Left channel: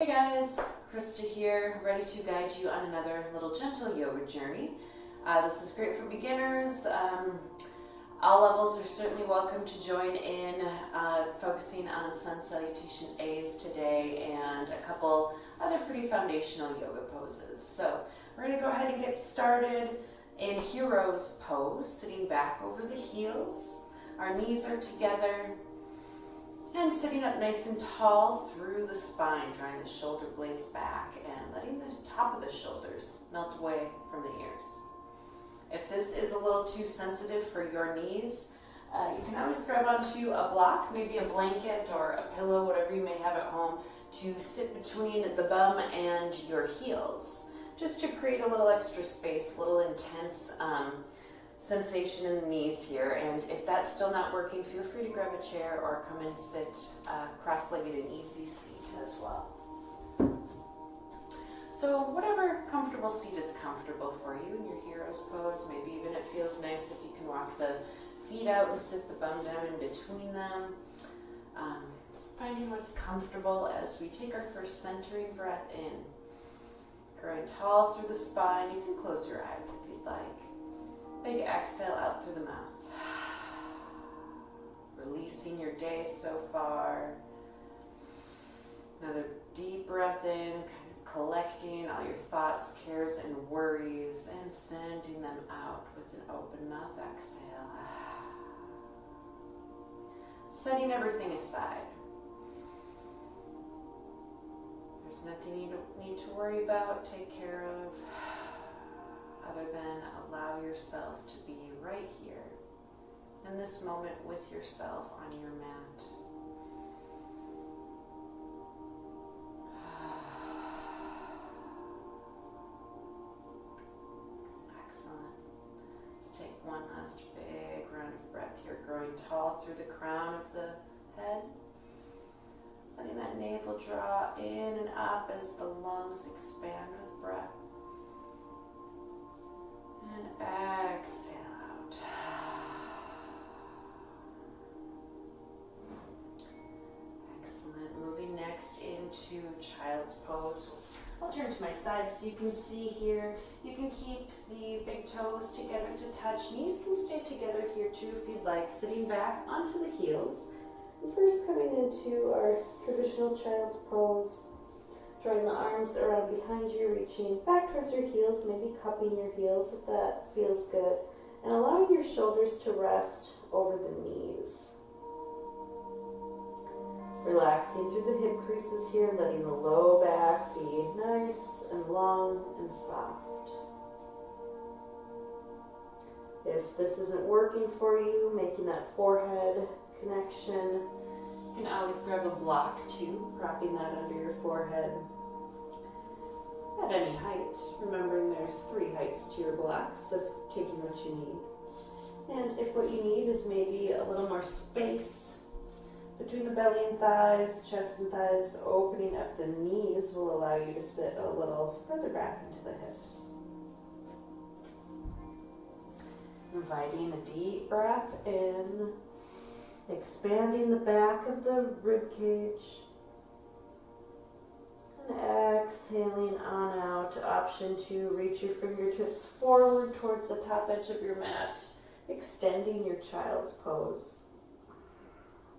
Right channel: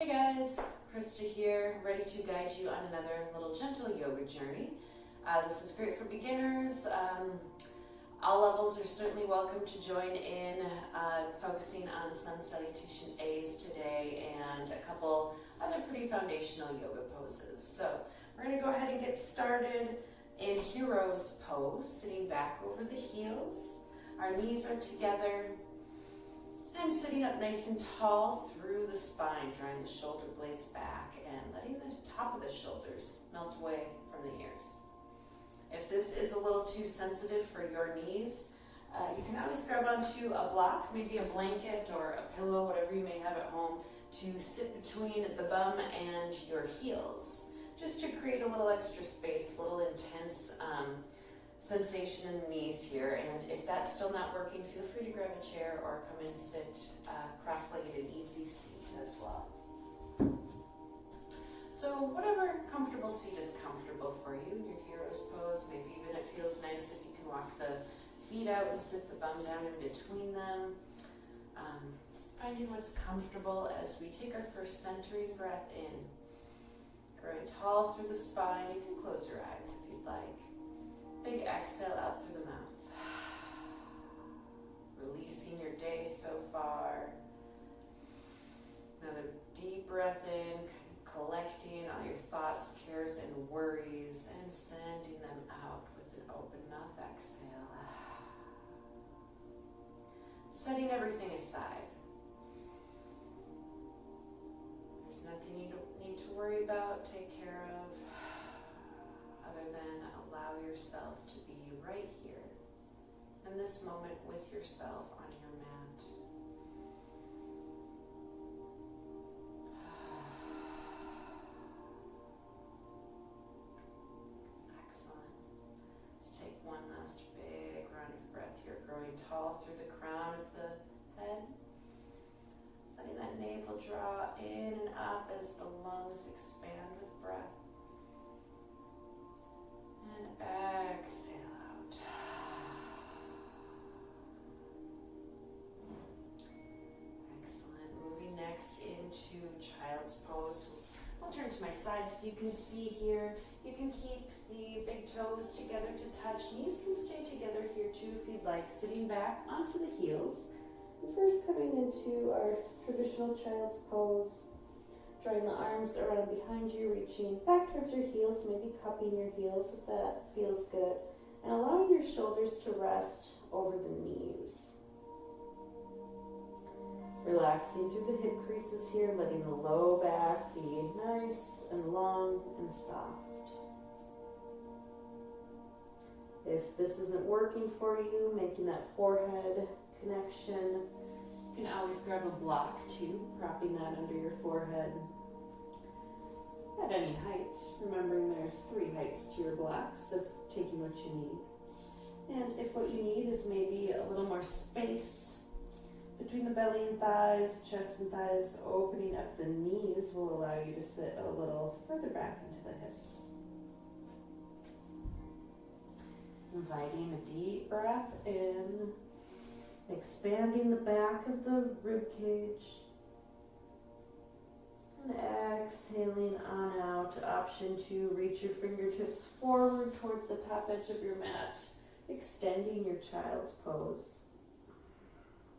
Hey guys, Krista here, ready to guide you on another little gentle yoga journey. This is great for beginners. All levels are certainly welcome to join in, focusing on Sun Salutation A's today and a couple other pretty foundational yoga poses. So we're going to go ahead and get started in Hero's Pose, sitting back over the heels. Our knees are together. And sitting up nice and tall through the spine, drawing the shoulder blades back and letting the top of the shoulders melt away from the ears. If this is a little too sensitive for your knees, you can always grab onto a block, maybe a blanket or a pillow, whatever you may have at home, to sit between the bum and your heels, just to create a little extra space, a little intense sensation in the knees here. And if that's still not working, feel free to grab a chair or come and sit cross-legged in easy seat as well. So whatever comfortable seat is comfortable for you in your Hero's Pose. Maybe even it feels nice if you can walk the feet out and sit the bum down in between them. Finding what's comfortable as we take our first centering breath in. Growing tall through the spine. You can close your eyes if you'd like. Big exhale out through the mouth. Releasing your day so far. Another deep breath in, kind of collecting all your thoughts, cares, and worries, and sending them out with an open mouth exhale. Setting everything aside. There's nothing you need to worry about, take care of, other than allow yourself to be right here in this moment with yourself on your mat. Excellent. Let's take one last big round of breath here, growing tall through the crown of the head. Letting that navel draw in and up as the lungs expand with breath. And exhale out. Excellent. Moving next into Child's Pose. I'll turn to my side so you can see here. You can keep the big toes together to touch. Knees can stay together here too if you'd like. Sitting back onto the heels. And first coming into our traditional Child's Pose. Drawing the arms around behind you, reaching back towards your heels, maybe cupping your heels if that feels good, and allowing your shoulders to rest over the knees. Relaxing through the hip creases here, letting the low back be nice and long and soft. If this isn't working for you, making that forehead connection, you can always grab a block too, propping that under your forehead at any height. Remembering there's 3 heights to your blocks, so taking what you need. And if what you need is maybe a little more space between the belly and thighs, chest and thighs, opening up the knees will allow you to sit a little further back into the hips. Inviting a deep breath in. Expanding the back of the rib cage. And exhaling on out. Option to reach your fingertips forward towards the top edge of your mat. Extending your Child's Pose.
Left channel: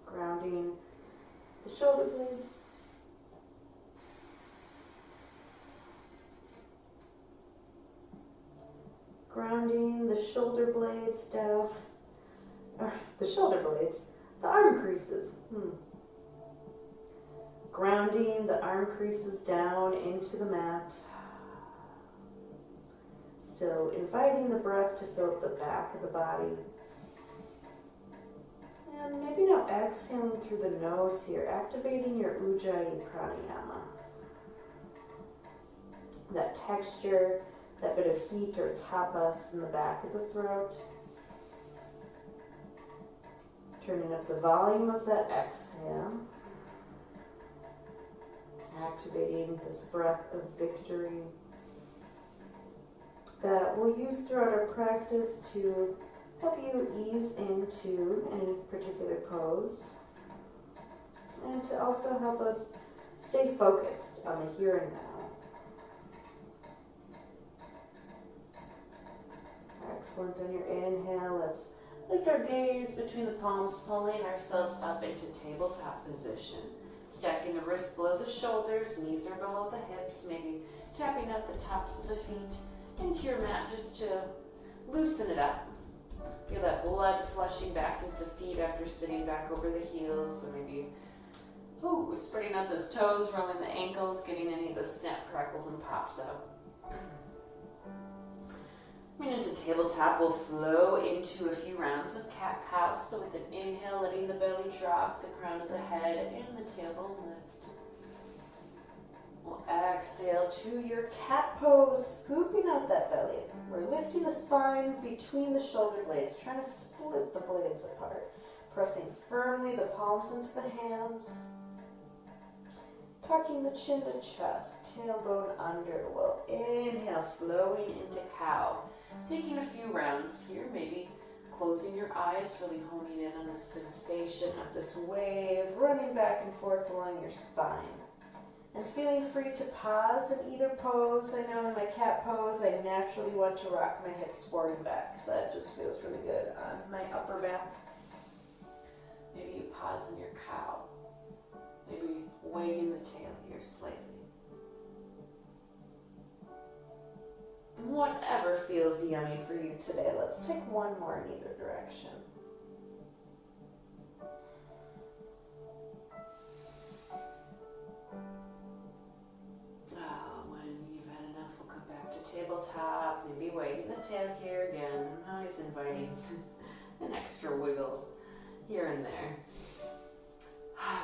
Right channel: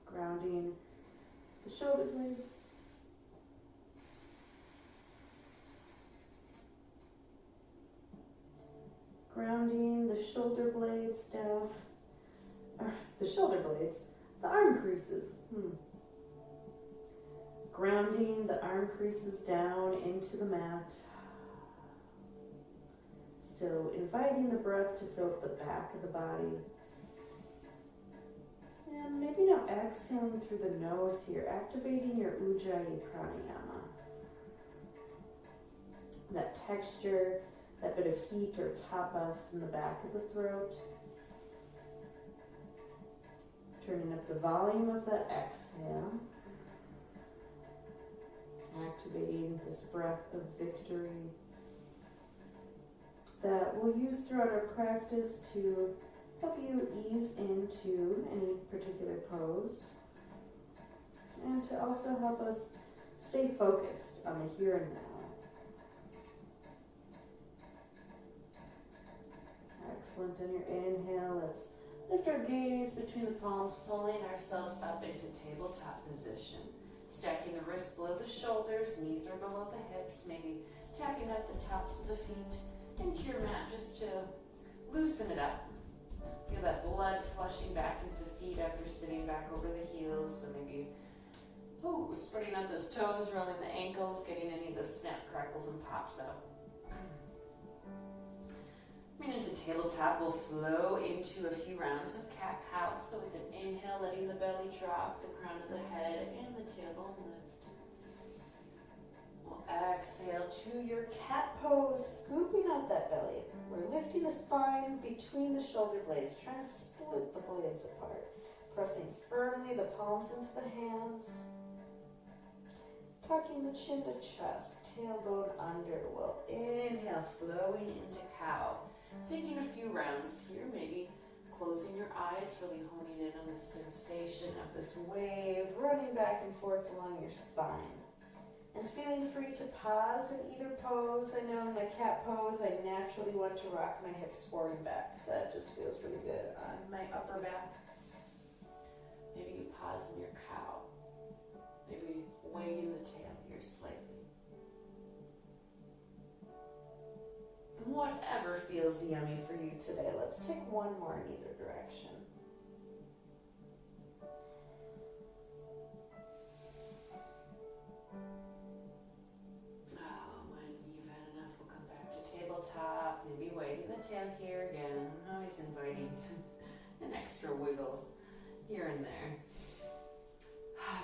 Grounding the shoulder blades. Grounding the shoulder blades down. The arm creases. Grounding the arm creases down into the mat. Still inviting the breath to fill up the back of the body. And maybe now exhaling through the nose here, activating your Ujjayi pranayama. That texture, that bit of heat or tapas in the back of the throat. Turning up the volume of that exhale. Activating this breath of victory that we'll use throughout our practice to help you ease into any particular pose. And to also help us Stay focused on the here and now. Excellent. On your inhale, let's lift our gaze between the palms, pulling ourselves up into tabletop position. Stacking the wrists below the shoulders, knees are below the hips, maybe tapping up the tops of the feet into your mat just to loosen it up. Feel that blood flushing back into the feet after sitting back over the heels. So maybe spreading out those toes, rolling the ankles, getting any of those snap, crackles, and pops out. Coming into tabletop, we'll flow into a few rounds of cat-cow. So with an inhale, letting the belly drop, the crown of the head, and the tailbone lift. We'll exhale to your cat pose, scooping out that belly. We're lifting the spine between the shoulder blades, trying to split the blades apart. Pressing firmly the palms into the hands. Tucking the chin to chest, tailbone under. We'll inhale, flowing into cow. Taking a few rounds here, maybe closing your eyes, really honing in on the sensation of this wave running back and forth along your spine. And feeling free to pause in either pose. I know in my cat pose, I naturally want to rock my hips forward and back because that just feels really good on my upper back. Maybe you pause in your cow. Maybe wagging the tail here slightly. Whatever feels yummy for you today. Let's take one more in either direction. When you've had enough, we'll come back to tabletop. Maybe wagging the tail here again. I'm always inviting an extra wiggle here and there.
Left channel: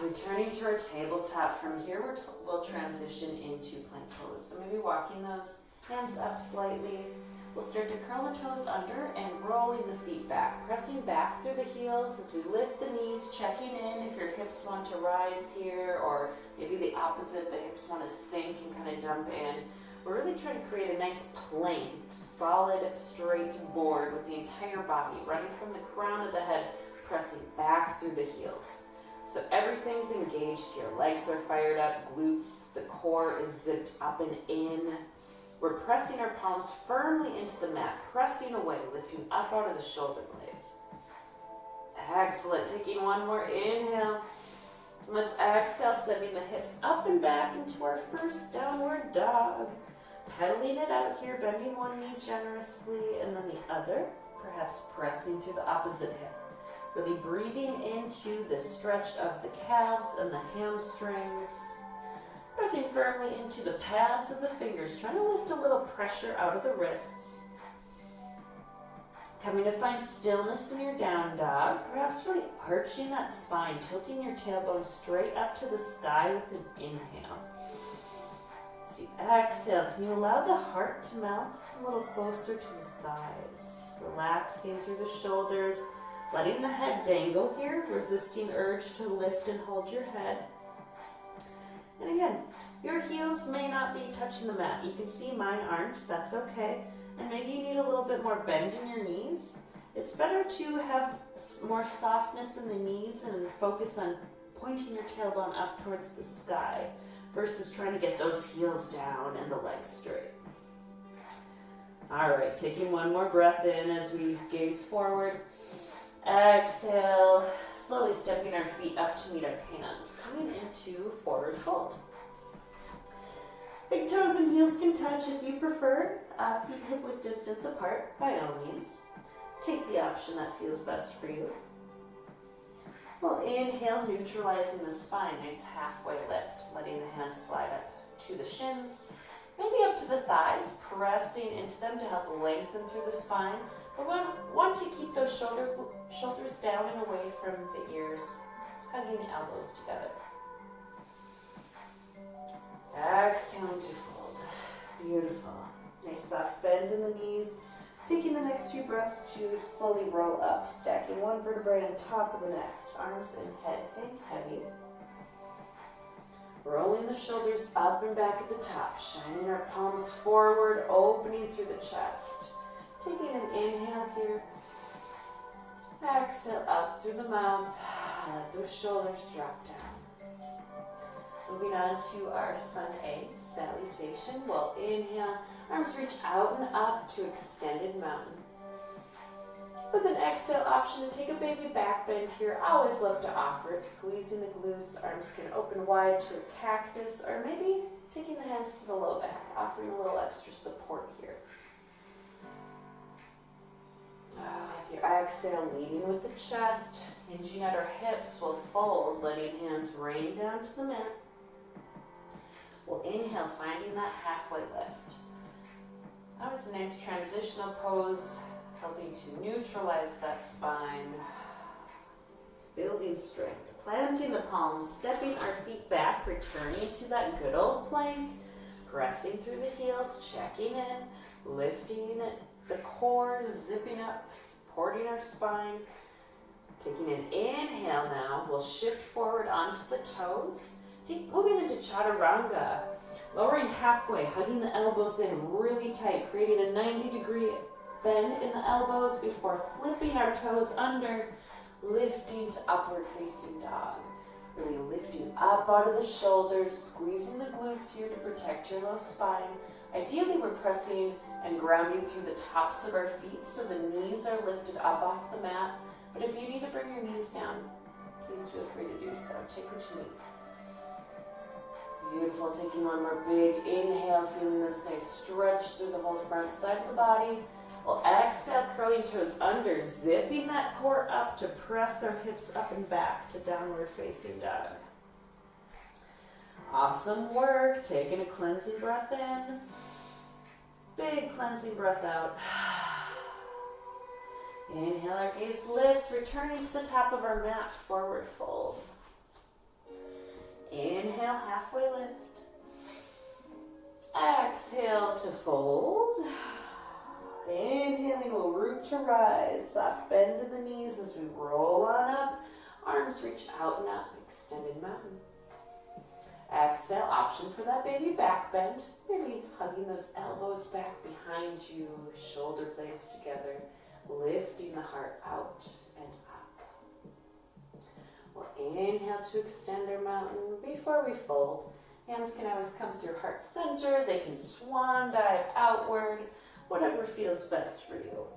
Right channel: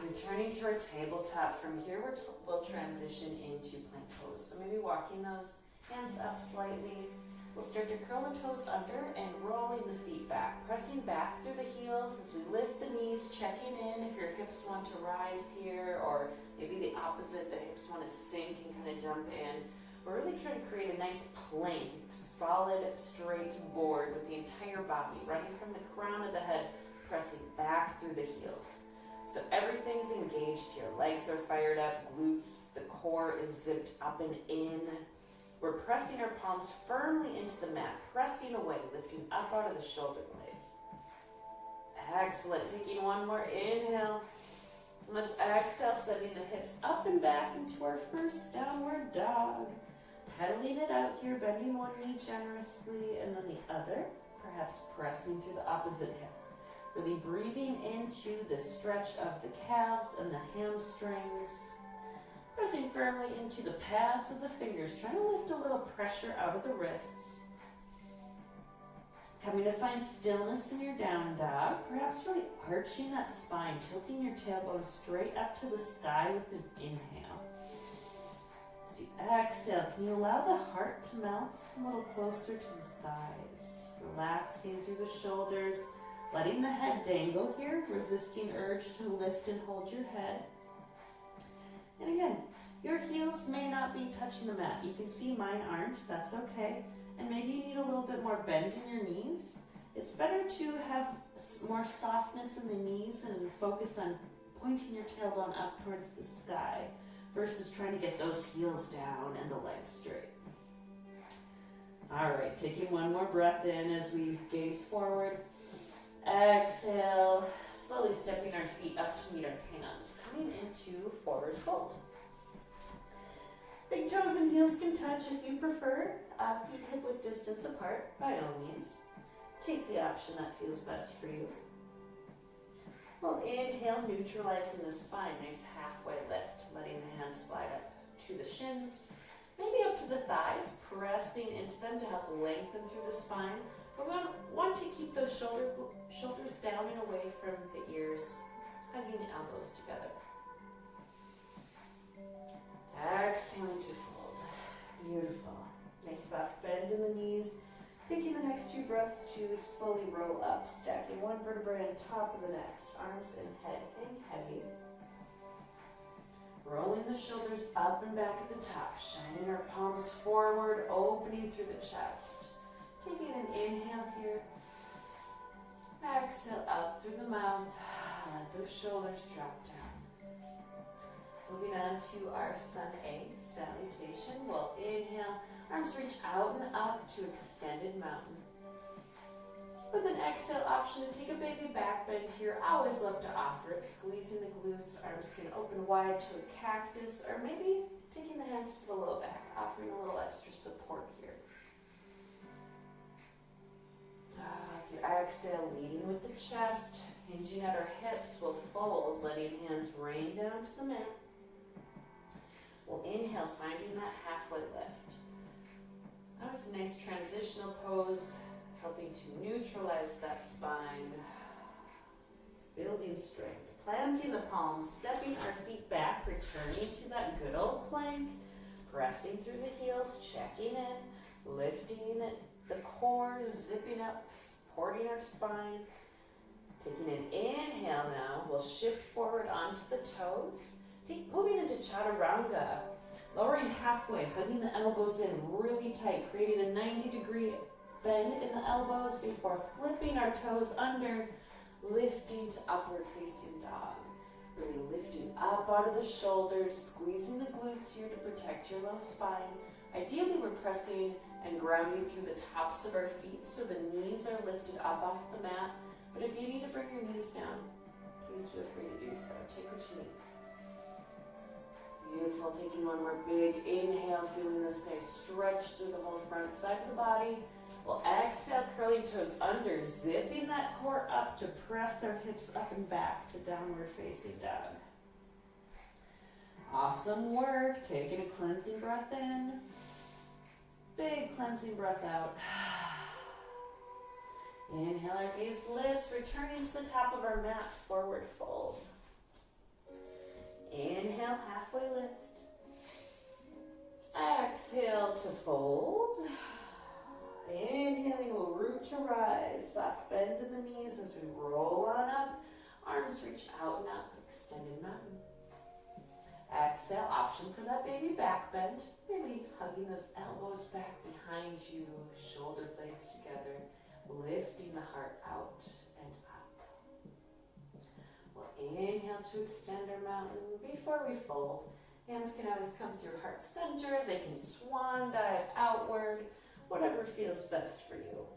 Returning to our tabletop. From here, we'll transition into plank pose. So maybe walking those hands up slightly. We'll start to curl the toes under and rolling the feet back. Pressing back through the heels as we lift the knees, checking in if your hips want to rise here, or maybe the opposite, the hips want to sink and kind of jump in. We're really trying to create a nice plank, solid, straight board with the entire body, running from the crown of the head, pressing back through the heels. So everything's engaged here. Legs are fired up, glutes, the core is zipped up and in. We're pressing our palms firmly into the mat, pressing away, lifting up out of the shoulder blades. Excellent. Taking one more inhale. Let's exhale, sending the hips up and back into our first downward dog. Pedaling it out here, bending one knee generously and then the other, perhaps pressing to the opposite hip. Really breathing into the stretch of the calves and the hamstrings. Pressing firmly into the pads of the fingers, trying to lift a little pressure out of the wrists. Coming to find stillness in your down dog, perhaps really arching that spine, tilting your tailbone straight up to the sky with an inhale. As you exhale, can you allow the heart to melt a little closer to the thighs? Relaxing through the shoulders, letting the head dangle here, resisting urge to lift and hold your head. And again, your heels may not be touching the mat. You can see mine aren't, that's okay. And maybe you need a little bit more bend in your knees. It's better to have more softness in the knees and focus on pointing your tailbone up towards the sky versus trying to get those heels down and the legs straight. All right, taking one more breath in as we gaze forward. Exhale, slowly stepping our feet up to meet our hands, coming into forward fold. Big toes and heels can touch if you prefer. Feet hip-width distance apart, by all means. Take the option that feels best for you. We'll inhale, neutralizing the spine, nice halfway lift, letting the hands slide up to the shins, maybe up to the thighs, pressing into them to help lengthen through the spine. But we want to keep those shoulders down and away from the ears, hugging the elbows together. Exhaling to fold. Beautiful. Nice soft bend in the knees. Taking the next few breaths to slowly roll up, stacking one vertebrae on top of the next. Arms and head hang heavy. Rolling the shoulders up and back at the top, shining our palms forward, opening through the chest. Taking an inhale here. Exhale up through the mouth. Let those shoulders drop down. Moving on to our Sun A, Salutation. We'll inhale, arms reach out and up to extended mountain. With an exhale option to take a baby back bend here. I always love to offer it, squeezing the glutes. Arms can open wide to a cactus, or maybe taking the hands to the low back, offering a little extra support here. With your exhale, leading with the chest, hinging at our hips, we'll fold, letting hands rain down to the mat. We'll inhale, finding that halfway lift. That was a nice transitional pose, helping to neutralize that spine. Building strength. Planting the palms, stepping our feet back, returning to that good old plank. Pressing through the heels, checking in, lifting the core, zipping up, supporting our spine. Taking an inhale now, we'll shift forward onto the toes. Moving into Chaturanga. Lowering halfway, hugging the elbows in really tight, creating a 90-degree bend in the elbows before flipping our toes under, lifting to upward facing dog. Really lifting up out of the shoulders, squeezing the glutes here to protect your low spine. Ideally, we're pressing and grounding through the tops of our feet so the knees are lifted up off the mat. But if you need to bring your knees down, please feel free to do so. Take what you need. Beautiful. Taking one more big inhale, feeling this nice stretch through the whole front side of the body. We'll exhale, curling toes under, zipping that core up to press our hips up and back to downward facing dog. Awesome work. Taking a cleansing breath in. Big cleansing breath out. Inhale, our gaze lifts, returning to the top of our mat, forward fold. Inhale, halfway lift. Exhale to fold. Inhaling, we'll root to rise. Soft bend in the knees as we roll on up. Arms reach out and up, extended mountain. Exhale, option for that baby back bend. Maybe hugging those elbows back behind you, shoulder blades together, lifting the heart out and up. We'll inhale to extend our mountain. Before we fold, hands can always come through heart center. They can swan dive outward, whatever feels best for you.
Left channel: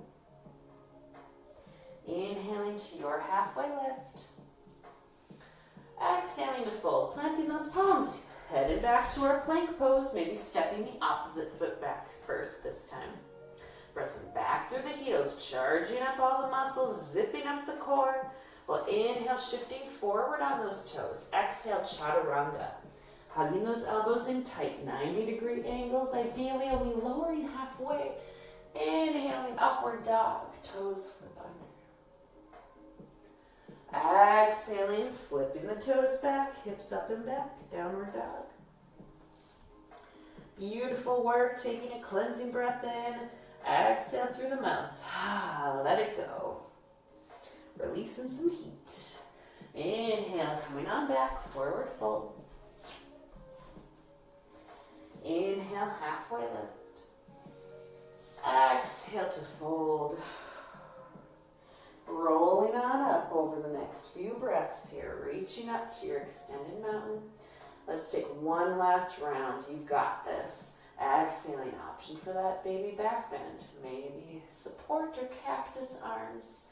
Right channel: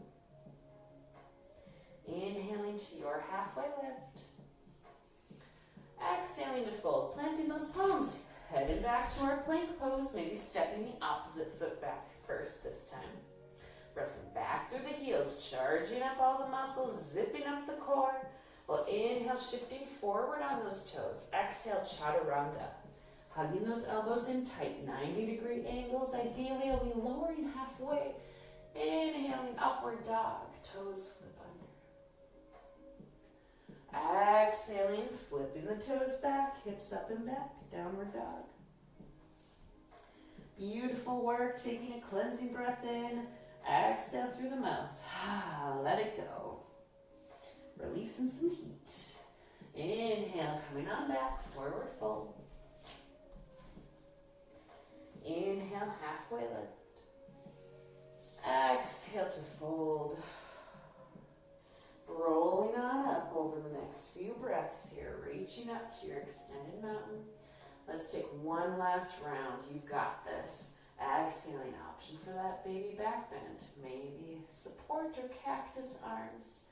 Inhaling to your halfway lift. Exhaling to fold, planting those palms, headed back to our plank pose, maybe stepping the opposite foot back first this time. Pressing back through the heels, charging up all the muscles, zipping up the core. We'll inhale, shifting forward on those toes. Exhale, Chaturanga. Hugging those elbows in tight, 90-degree angles. Ideally, we'll be lowering halfway. Inhaling, upward dog. Toes flip under. Exhaling, flipping the toes back, hips up and back, downward dog. Beautiful work. Taking a cleansing breath in. Exhale through the mouth. Let it go. Releasing some heat. Inhale, coming on back, forward fold. Inhale, halfway lift. Exhale to fold. Rolling on up over the next few breaths here, reaching up to your extended mountain. Let's take one last round. You've got this. Exhaling, option for that baby back bend. Maybe support or cactus arms.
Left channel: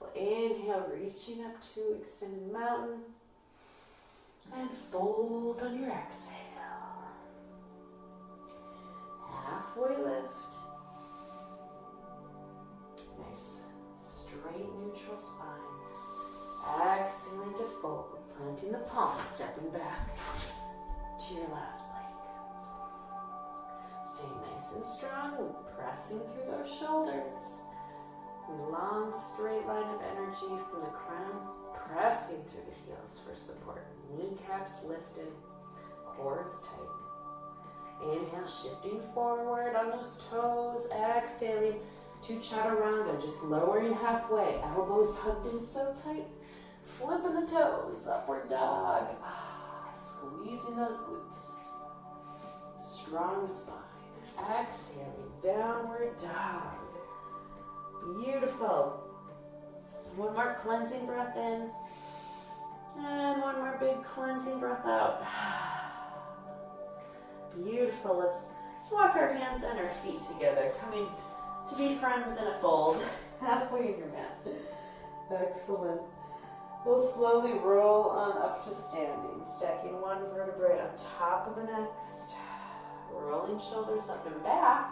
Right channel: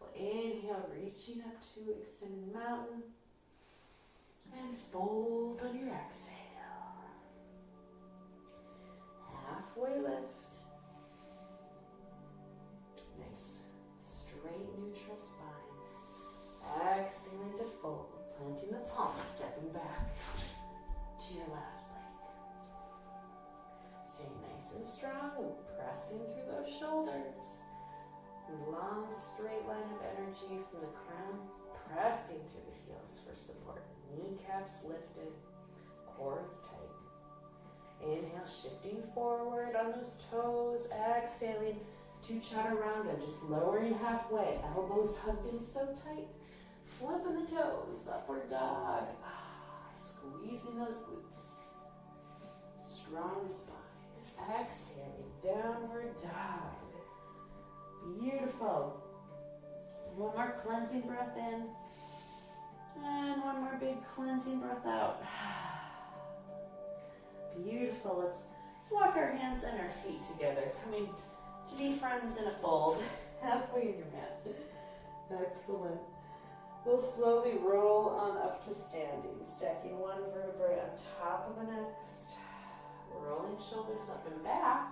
We'll inhale, reaching up to extended mountain. And fold on your exhale. Halfway lift. Nice, straight, neutral spine. Exhaling to fold, planting the palms, stepping back to your last plank. Stay nice and strong, pressing through those shoulders. Long, straight line of energy from the crown, pressing through the heels for support. Kneecaps lifted, core is tight. Inhale, shifting forward on those toes. Exhaling to Chaturanga, just lowering halfway. Elbows hugged in so tight. Flipping the toes, upward dog. Squeezing those glutes. Strong spine. Exhaling, downward dog. Beautiful. One more cleansing breath in. And one more big cleansing breath out. Beautiful. Let's walk our hands and our feet together, coming to be friends in a fold, halfway in your mat. Excellent. We'll slowly roll on up to standing, stacking one vertebrae on top of the next, rolling shoulders up and back.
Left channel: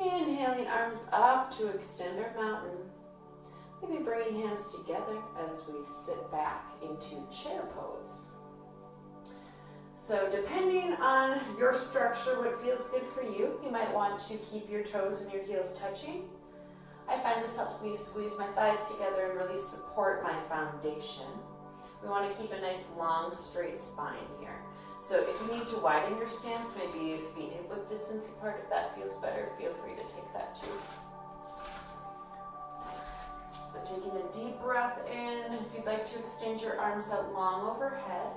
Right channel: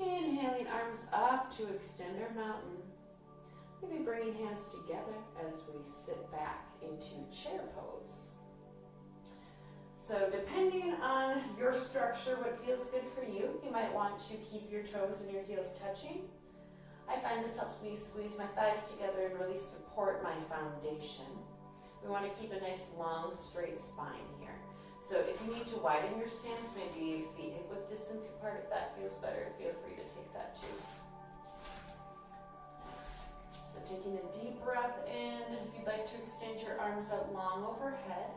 Inhaling arms up to extend our mountain. Maybe bringing hands together as we sit back into chair pose. So depending on your structure, what feels good for you, you might want to keep your toes and your heels touching. I find this helps me squeeze my thighs together and really support my foundation. We want to keep a nice long straight spine here. So if you need to widen your stance, maybe feet hip width distance apart, if that feels better, feel free to take that too. Nice. So taking a deep breath in, if you'd like to extend your arms out long overhead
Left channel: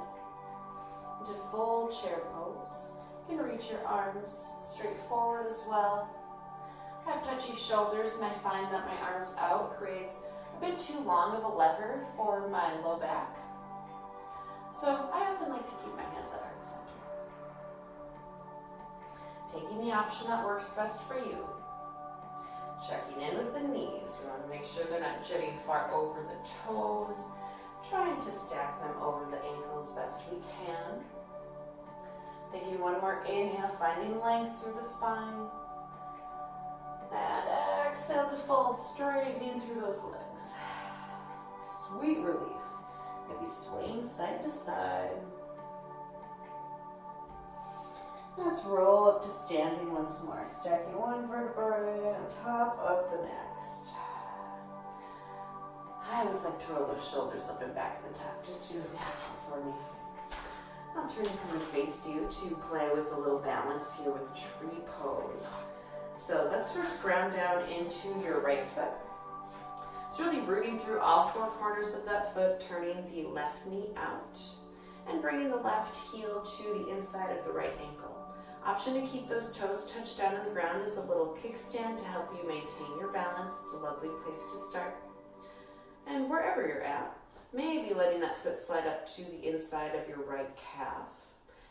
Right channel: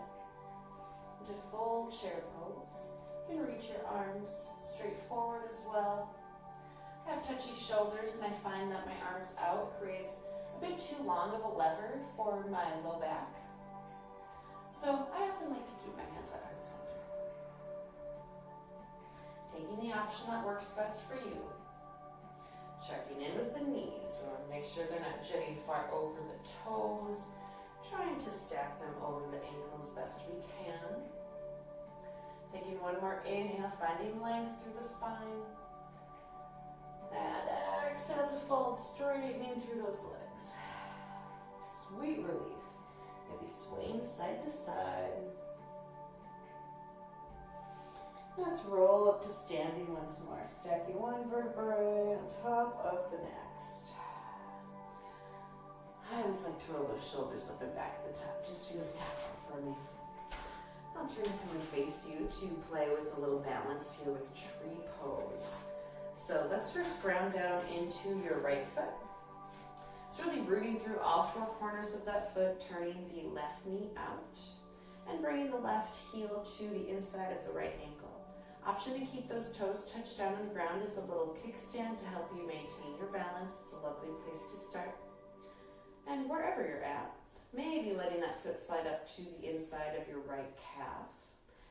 into full chair pose. You can reach your arms straight forward as well. I have touchy shoulders and I find that my arms out creates a bit too long of a lever for my low back. So I often like to keep my hands at heart center. Taking the option that works best for you. Checking in with the knees. We want to make sure they're not jutting far over the toes. Trying to stack them over the ankles best we can. Taking one more inhale, finding length through the spine. And exhale to fold, straightening through those legs. Sweet relief. Maybe swaying side to side. Let's roll up to standing once more, stacking one vertebrae on top of the next. I always like to roll those shoulders up and back at the top, just feels natural for me. I'll turn and come and face you to play with a little balance here with tree pose. So let's first ground down into your right foot. It's really rooting through all four corners of that foot, turning the left knee out and bringing the left heel to the inside of the right ankle. Option to keep those toes touched down on the ground is a little kickstand to help you maintain your balance. It's a lovely place to start. And wherever you're at, maybe letting that foot slide up to the inside of your right calf.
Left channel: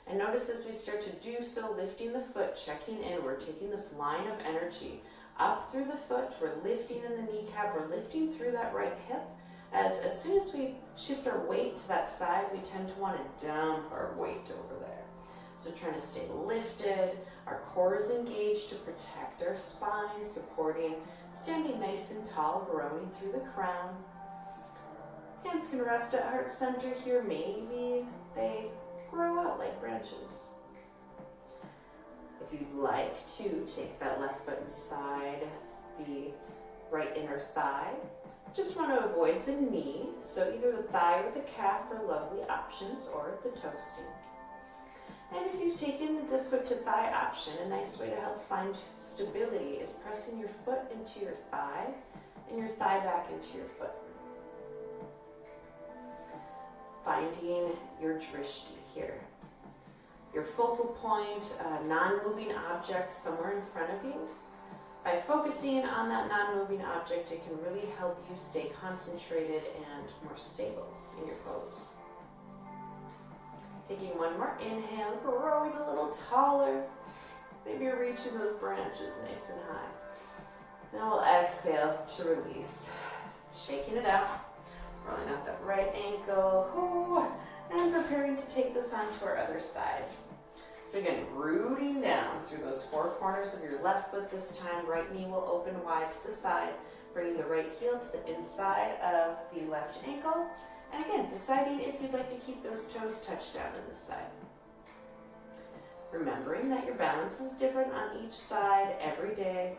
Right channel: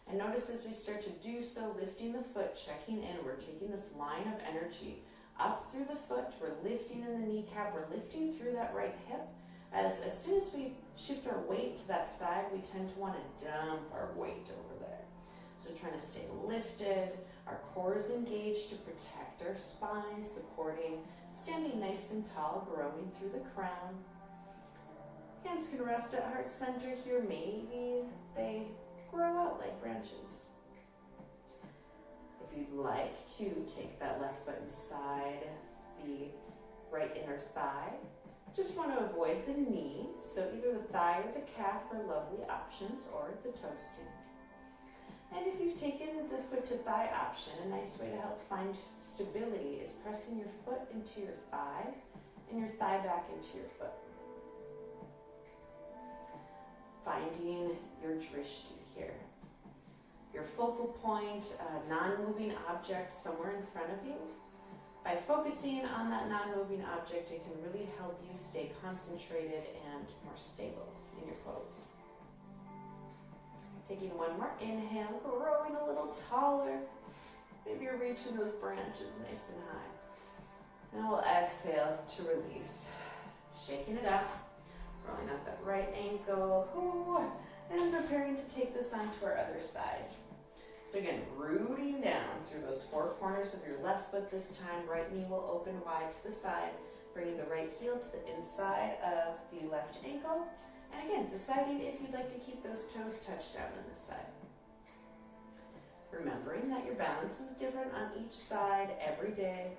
And notice as we start to do so, lifting the foot, checking in, we're taking this line of energy up through the foot, we're lifting in the kneecap, we're lifting through that right hip. As soon as we shift our weight to that side, we tend to want to dump our weight over there. So trying to stay lifted, our core is engaged to protect our spine, supporting, standing nice and tall, growing through the crown. Hands can rest at heart center here, maybe they grow out like branches. If you'd like to take that left foot inside the right inner thigh, just want to avoid the knee, so either the thigh or the calf are lovely options, or the toe stink. And if you've taken the foot to thigh option, a nice way to help find stability is pressing your foot into your thigh and your thigh back into your foot. Finding your drishti here. Your focal point, a non-moving object somewhere in front of you. By focusing on that non-moving object, it can really help you stay concentrated and more stable in your pose. Taking one more inhale, growing a little taller. Maybe you're reaching those branches nice and high. Now we'll exhale to release. Shaking it out, rolling out that right ankle, and preparing to take this onto our other side. So again, rooting down through those four corners of your left foot this time. Right knee will open wide to the side, bringing the right heel to the inside of the left ankle. And again, deciding if you'd like to keep those toes touched down on this side. Remembering that your balance is different on each side every day.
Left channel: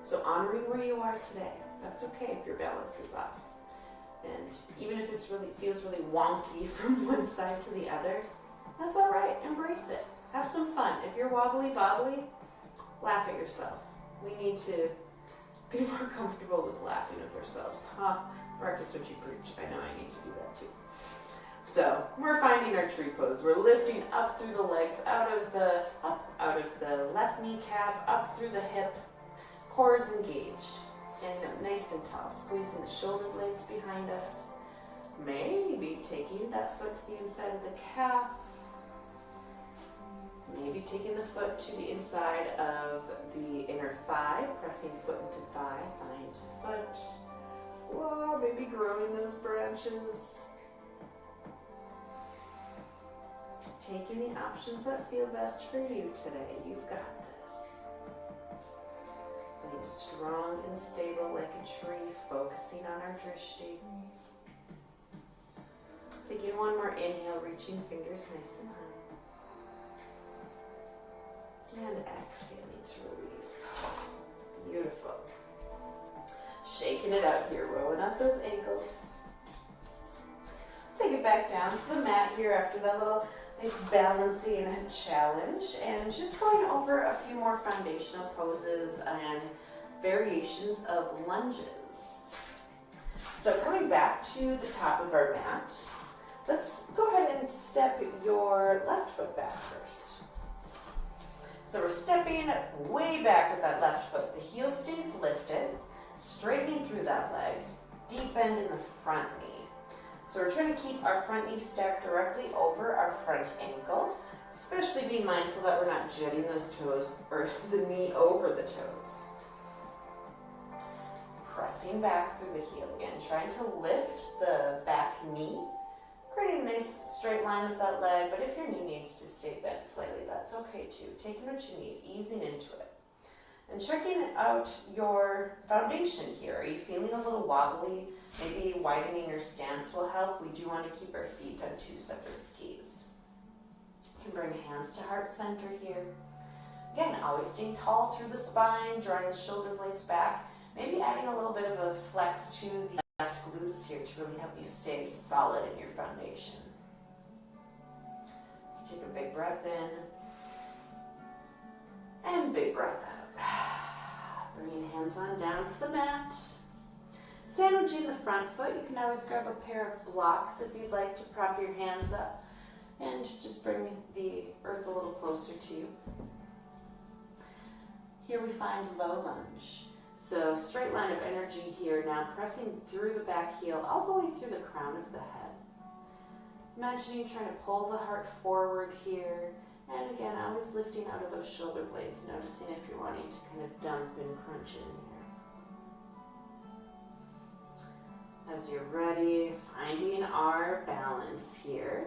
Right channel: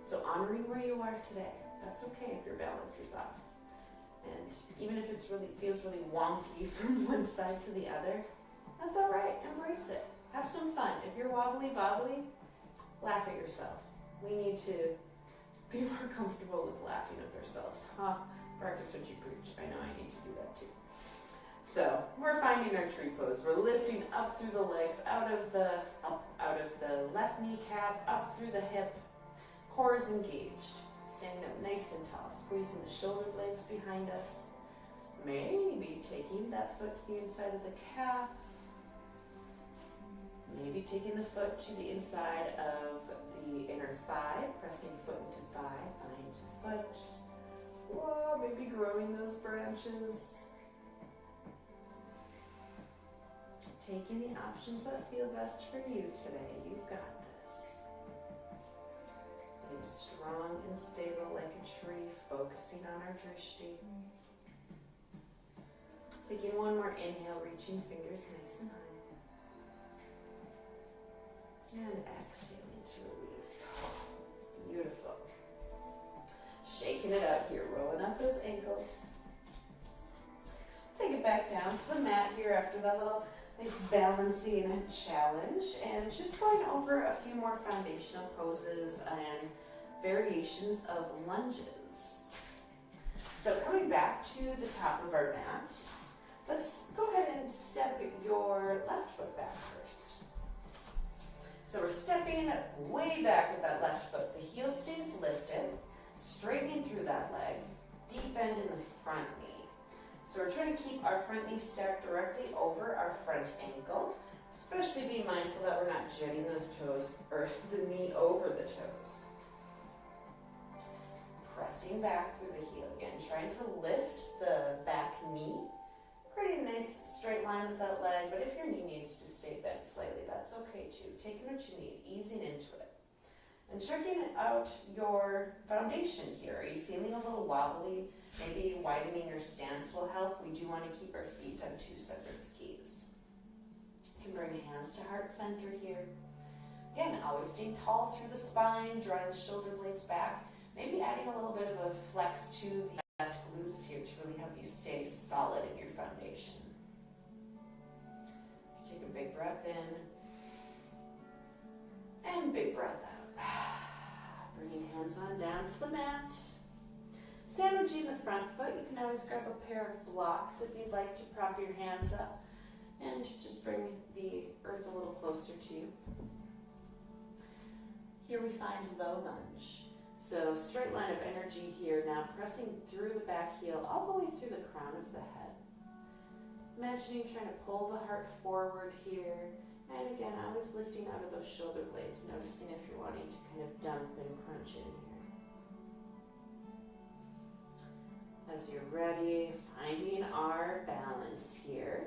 So honoring where you are today. That's okay if your balance is off. And even if it feels really wonky from one side to the other, that's all right. Embrace it. Have some fun. If you're wobbly bobbly, laugh at yourself. We need to be more comfortable with laughing at ourselves. Practice what you preach. I know I need to do that too. So we're finding our tree pose. We're lifting up through the legs, out of the left kneecap, up through the hip. Core is engaged. Standing up nice and tall, squeezing the shoulder blades behind us. Maybe taking that foot to the inside of the calf. taking the foot to the inside of the inner thigh, pressing foot into thigh, thigh into foot. Whoa, maybe growing those branches. Taking the options that feel best for you today. You've got this. Feeling strong and stable like a tree, focusing on our drishti. Taking one more inhale, reaching fingers nice and high. And exhaling to release. Beautiful. Shaking it out here, rolling up those ankles. Take it back down to the mat here after that little nice balancing challenge, and just going over a few more foundational poses and variations of lunges. So coming back to the top of our mat, let's go ahead and step your left foot back first. So we're stepping way back with that left foot. The heel stays lifted, straightening through that leg, deep bend in the front knee. So we're trying to keep our front knee stacked directly over our front ankle, especially being mindful that we're not jutting those toes or the knee over the toes. Pressing back through the heel again, trying to lift the back knee, creating a nice straight line with that leg, but if your knee needs to stay bent slightly, that's okay too. Taking what you need, easing into it. And checking out your foundation here. Are you feeling a little wobbly? Maybe widening your stance will help. We do want to keep our feet on two separate skis. You can bring hands to heart center here. Again, always staying tall through the spine, drawing the shoulder blades back. Maybe adding a little bit of a flex to the left glutes here to really help you stay solid in your foundation. Let's take a big breath in. And big breath out. Bringing hands on down to the mat. Sandwiching the front foot, you can always grab a pair of blocks if you'd like to prop your hands up and just bring the earth a little closer to you. Here we find low lunge. So straight line of energy here now, pressing through the back heel all the way through the crown of the head. Imagining trying to pull the heart forward here. And again, always lifting out of those shoulder blades, noticing if you're wanting to kind of dump and crunch in here. As you're ready, finding our balance here.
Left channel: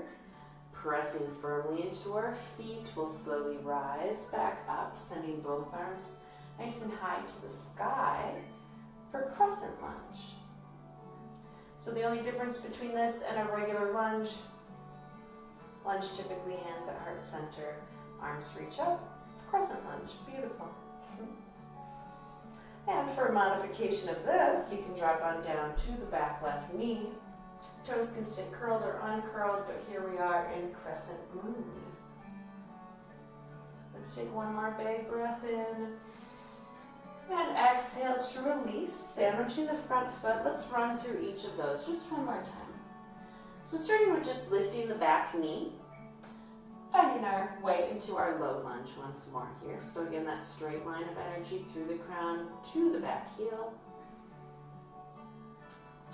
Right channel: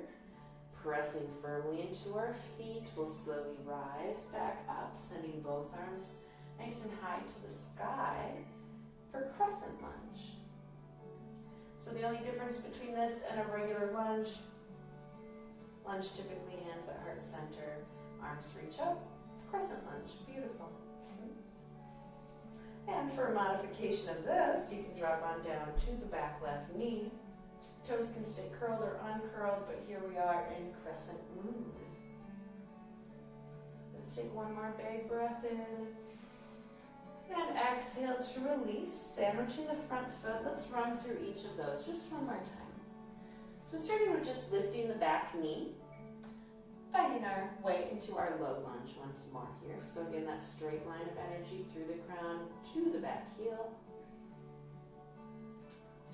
Pressing firmly into our feet, we'll slowly rise back up, sending both arms nice and high to the sky for Crescent Lunge. So the only difference between this and a regular lunge, typically hands at heart center, arms reach up, Crescent Lunge, beautiful. And for a modification of this, you can drop on down to the back left knee. Toes can stay curled or uncurled, but here we are in Crescent Moon. Let's take one more big breath in. And exhale to release, sandwiching the front foot. Let's run through each of those just one more time. So starting with just lifting the back knee, finding our way into our low lunge once more here. So again, that straight line of energy through the crown to the back heel.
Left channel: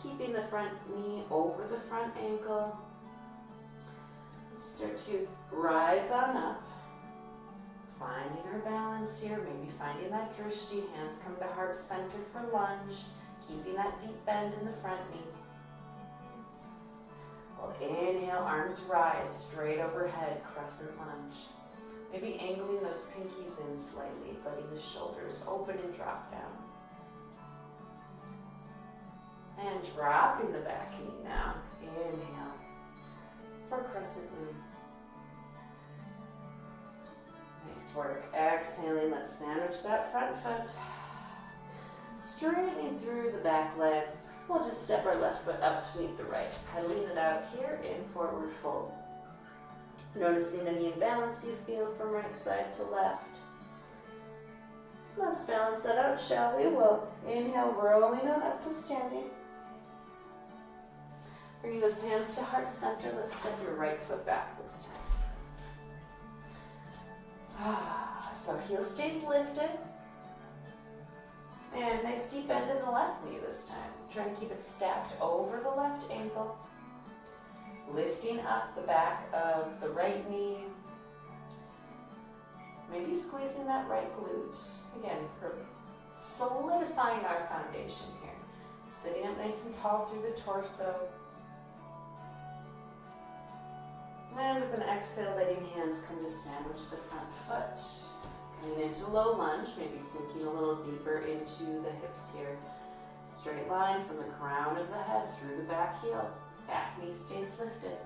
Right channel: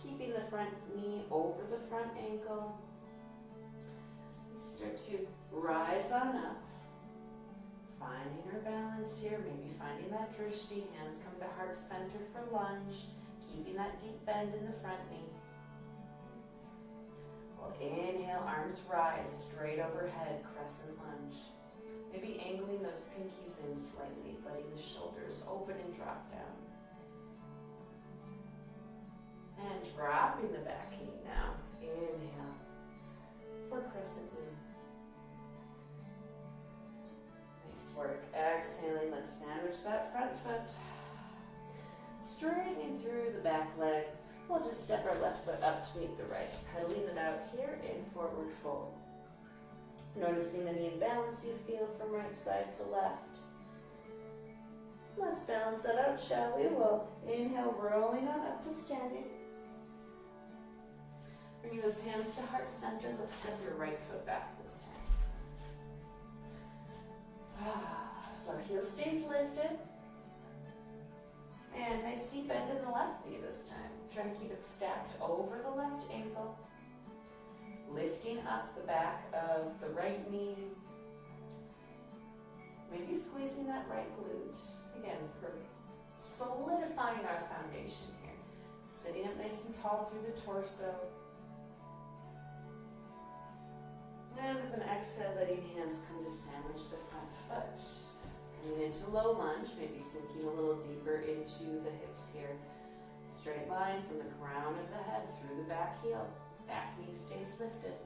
Keeping the front knee over the front ankle. Start to rise on up. Finding our balance here, maybe finding that drishti. Hands come to heart center for lunge. Keeping that deep bend in the front knee. We'll inhale, arms rise, straight overhead, Crescent Lunge. Maybe angling those pinkies in slightly, letting the shoulders open and drop down. And dropping the back knee now. Inhale for Crescent Moon. Nice work. Exhaling, let's sandwich that front foot. Straightening through the back leg. We'll just step our left foot up to meet the right. Pedaling it out here in forward fold. Noticing any imbalance you feel from right side to left. Let's balance that out, shall we? We'll inhale, rolling on up to standing. Bring those hands to heart center. Let's step your right foot back this time. So heel stays lifted. And nice deep bend in the left knee this time. Trying to keep it stacked over the left ankle. Lifting up the back of the right knee. Maybe squeezing that right glute. Again, solidifying our foundation here. Sitting up nice and tall through the torso. And with an exhale, letting hands come to sandwich the front foot. Coming into low lunge, maybe sinking a little deeper into the hips here. Straight line from the crown of the head through the back heel. Back knee stays lifted.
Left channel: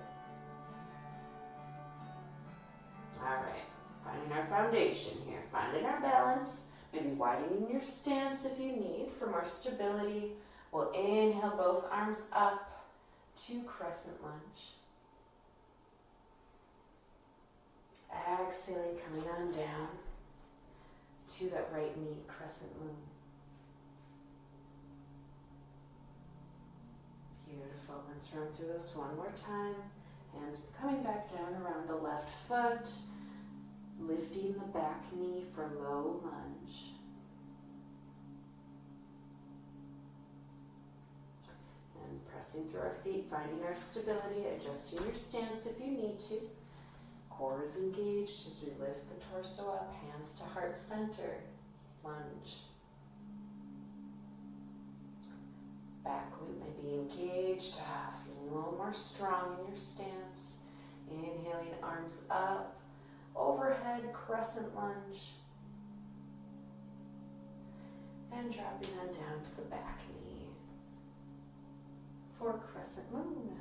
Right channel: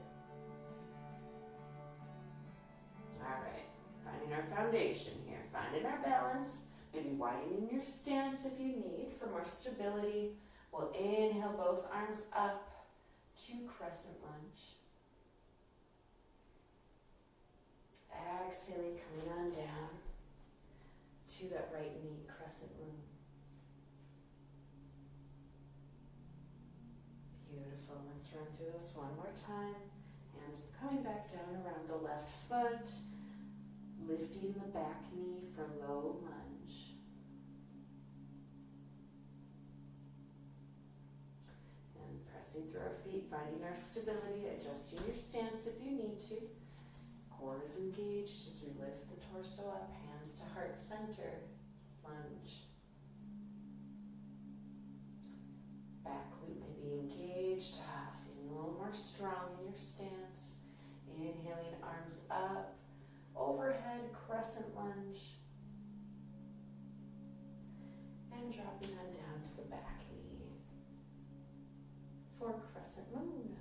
All right, finding our foundation here. Finding our balance. Maybe widening your stance if you need for more stability. We'll inhale both arms up to crescent lunge. Exhaling, coming on down to that right knee, crescent moon. Beautiful. Let's run through those one more time. Hands coming back down around the left foot, lifting the back knee for low lunge. And pressing through our feet, finding our stability, adjusting your stance if you need to. Core is engaged as we lift the torso up, hands to heart center, lunge. Back glute may be engaged, feeling a little more strong in your stance. Inhaling, arms up, overhead crescent lunge. And dropping on down to the back knee for crescent moon.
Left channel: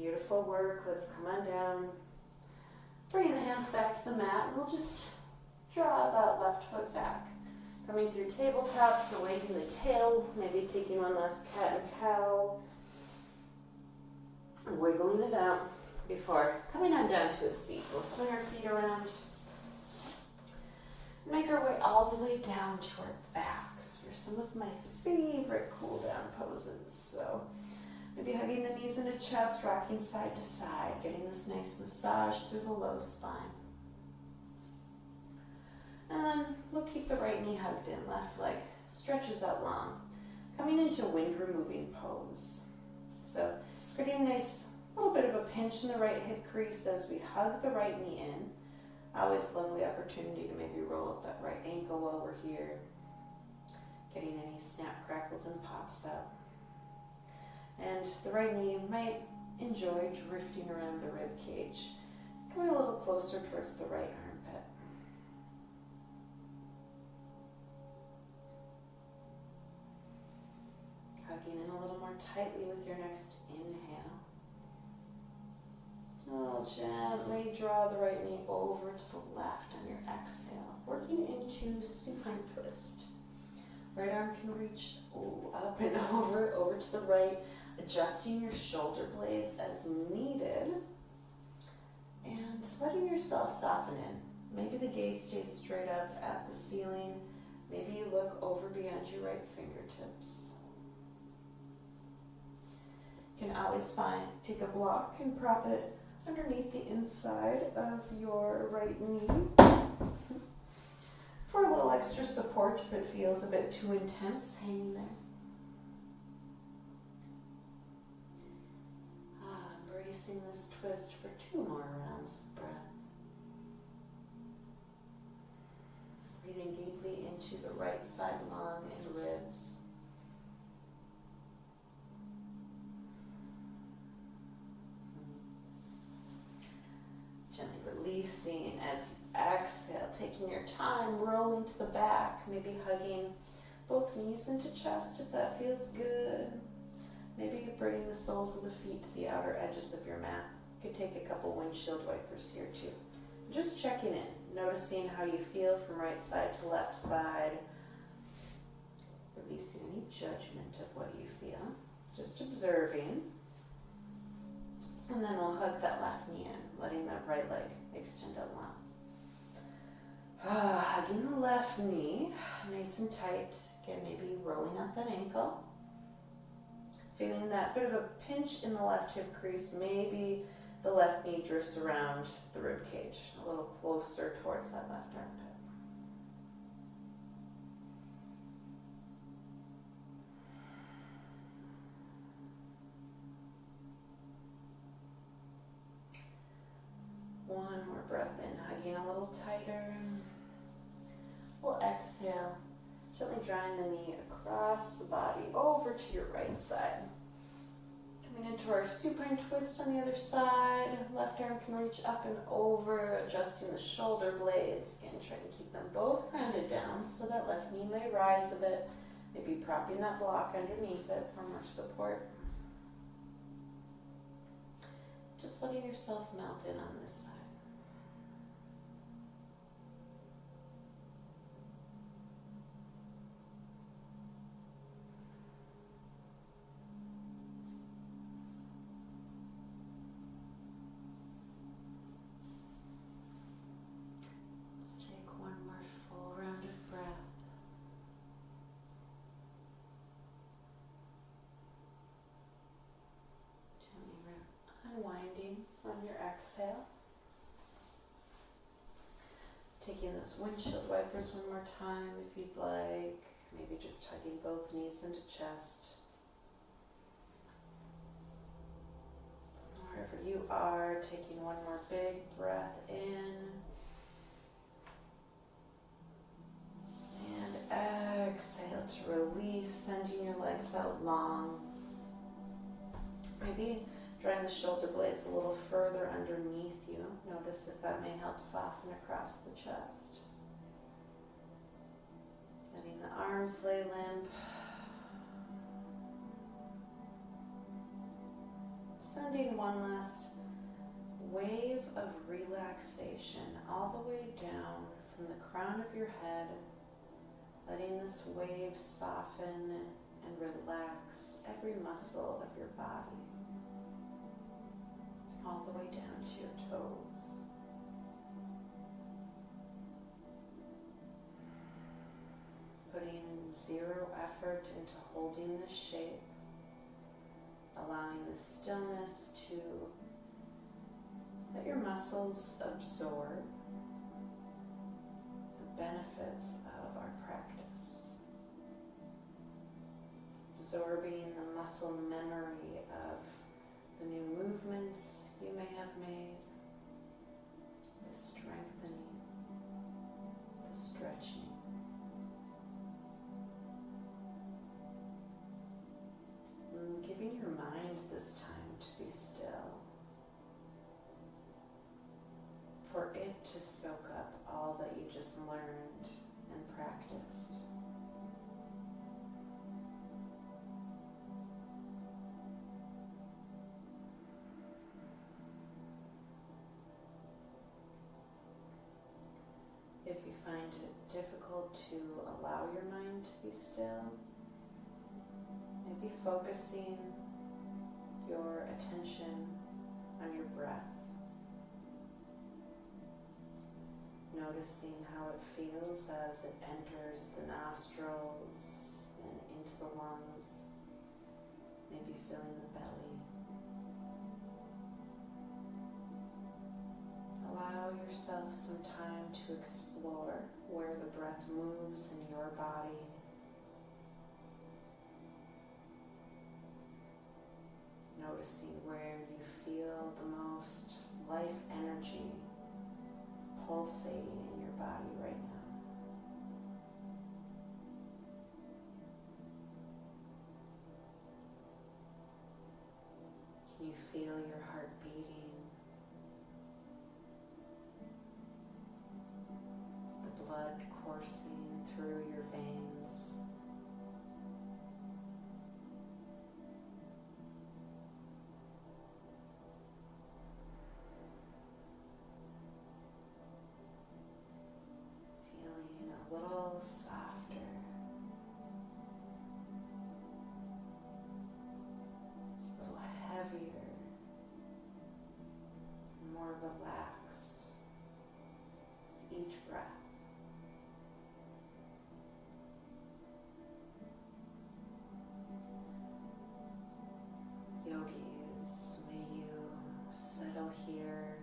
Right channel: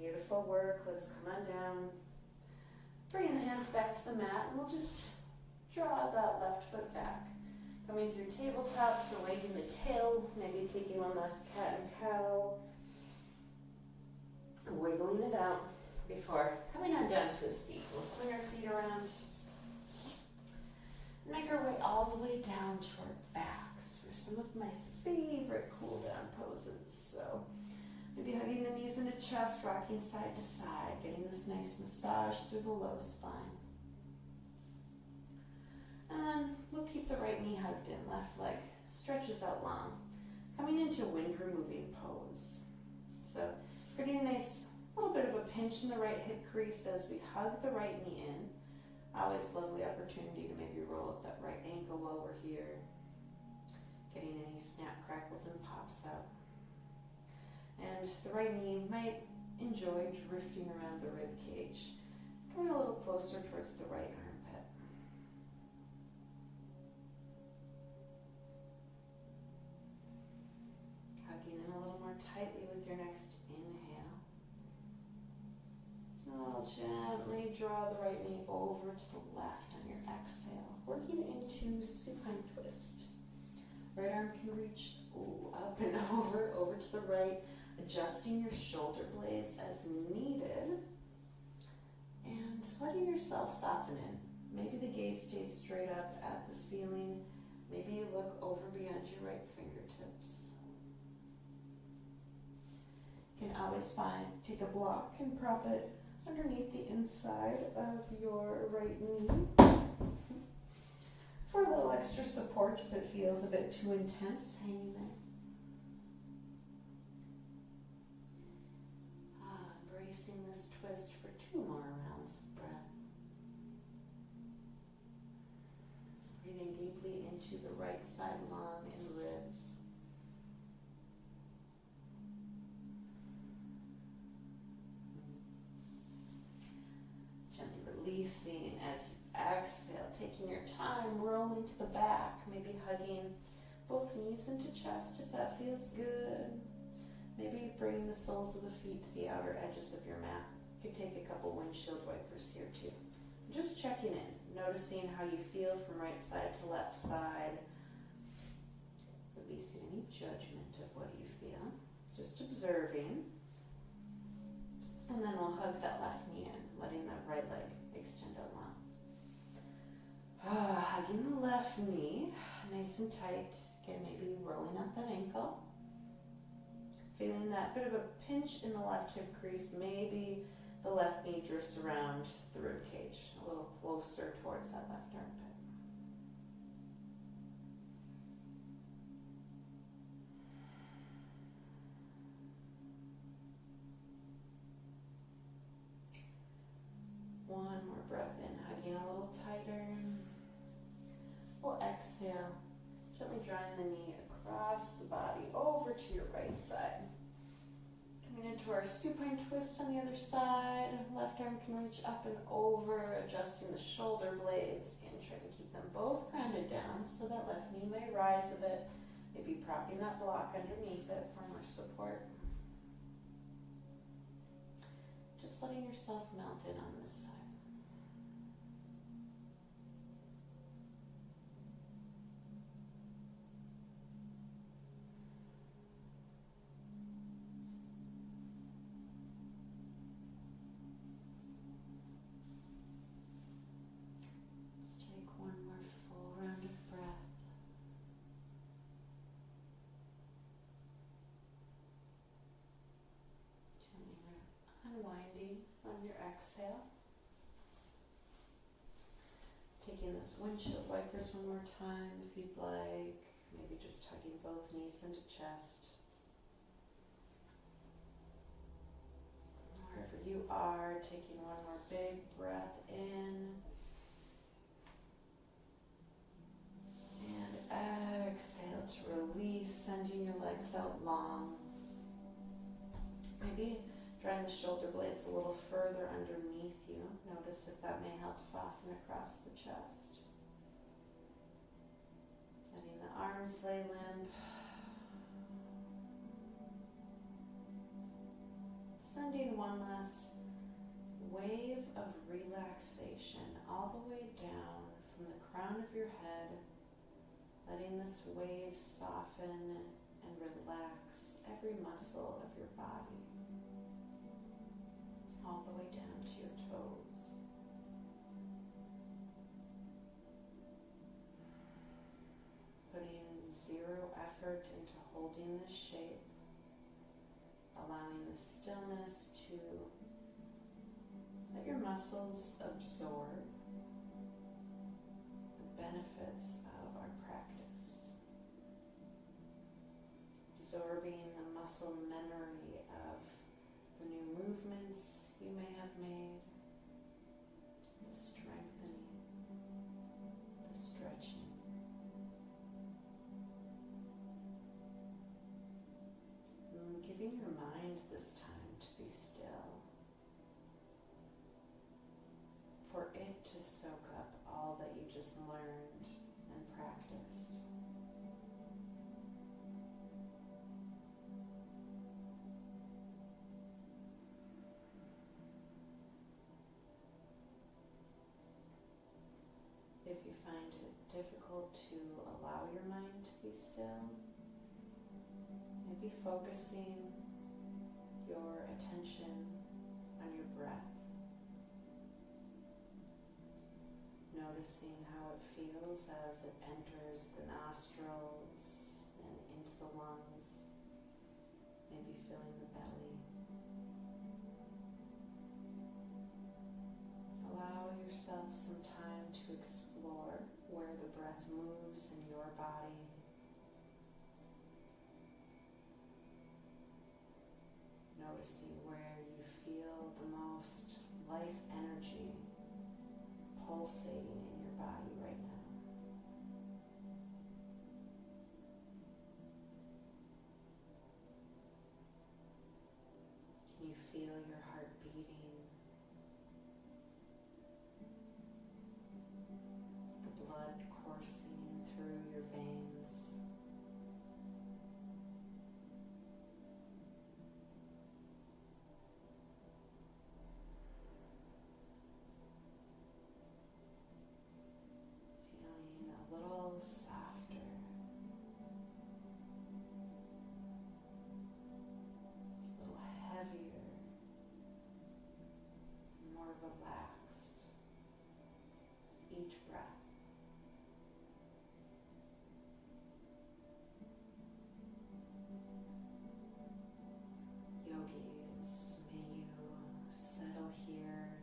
Beautiful work. Let's come on down. Bringing the hands back to the mat, and we'll just draw that left foot back. Coming through tabletop, so wagging the tail, maybe taking one last cat and cow. And wiggling it out before coming on down to a seat. We'll swing our feet around. Make our way all the way down to our backs for some of my favorite cool down poses. So maybe hugging the knees into chest, rocking side to side, getting this nice massage through the low spine. And then we'll keep the right knee hugged in, left leg stretches out long. Coming into wind removing pose. So pretty nice, little bit of a pinch in the right hip crease as we hug the right knee in. Always lovely opportunity to maybe roll up that right ankle while we're here. Getting any snap, crackles, and pops up. And the right knee might enjoy drifting around the rib cage, coming a little closer towards the right armpit. Hugging in a little more tightly with your next inhale. Oh, gently draw the right knee over to the left on your exhale, working into supine twist. Right arm can reach up and over to the right, adjusting your shoulder blades as needed, and letting yourself soften in. Maybe the gaze stays straight up at the ceiling. Maybe you look over beyond your right fingertips. You can always take a block and prop it underneath the inside of your right knee for a little extra support if it feels a bit too intense hanging there. Embracing this twist for 2 more rounds of breath. Breathing deeply into the right side lung and ribs. Gently releasing as you exhale, taking your time, rolling to the back, maybe hugging both knees into chest if that feels good. Maybe bringing the soles of the feet to the outer edges of your mat. You could take a couple windshield wipers here too. Just checking in, noticing how you feel from right side to left side. Releasing any judgment of what you feel. Just observing. And then we'll hug that left knee in, letting that right leg extend out long. Hugging the left knee, nice and tight. Again, maybe rolling out that ankle. Feeling that bit of a pinch in the left hip crease. Maybe the left knee drifts around the rib cage, a little closer towards that left armpit. breath in, hugging a little tighter. We'll exhale, gently drawing the knee across the body over to your right side. Coming into our supine twist on the other side. Left arm can reach up and over, adjusting the shoulder blades. Again, trying to keep them both grounded down so that left knee may rise a bit. Maybe propping that block underneath it for more support. Just letting yourself melt in on this side. Let's take one more full round of breath. Unwinding on your exhale. Taking those windshield wipers one more time if you'd like. Maybe just tugging both knees into chest. Wherever you are, taking one more big breath in. And exhale to release, sending your legs out long. Maybe drawing the shoulder blades a little further underneath you. Notice if that may help soften across the chest. Letting the arms lay limp. Sending one last wave of relaxation all the way down from the crown of your head. Letting this wave soften and relax every muscle of your body. All the way down to your toes. Putting zero effort into holding this shape, allowing the stillness to let your muscles absorb the benefits of our practice. Absorbing the muscle memory of the new movements you may have made, the strengthening, the stretching. And giving your mind this time to be still, for it to soak up all that you just learned and practiced. If you find it difficult to allow your mind to be still, maybe focusing your attention on your breath. Noticing how it feels as it enters the nostrils and into the lungs, maybe filling the belly. Allow yourself some time to explore where the breath moves in your body. Noticing where you feel the most life energy pulsating in your body right now. Can you feel your heart beating? The blood coursing through your veins. Feeling a little softer. A little heavier. More relaxed with each breath. Yogis, may you settle here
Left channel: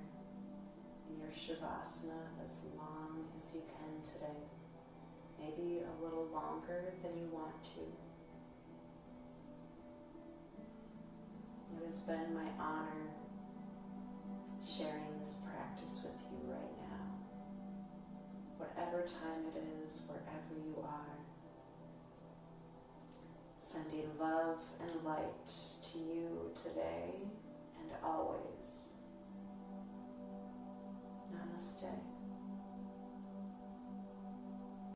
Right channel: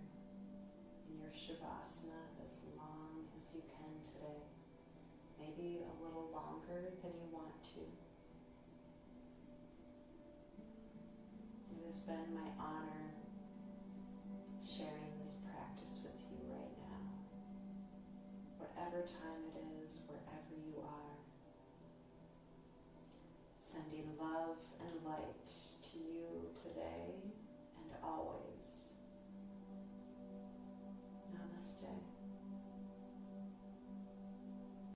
in your Shavasana as long as you can today. Maybe a little longer than you want to. It has been my honor sharing this practice with you right time it is, wherever you are. Sending love and light to you today and always.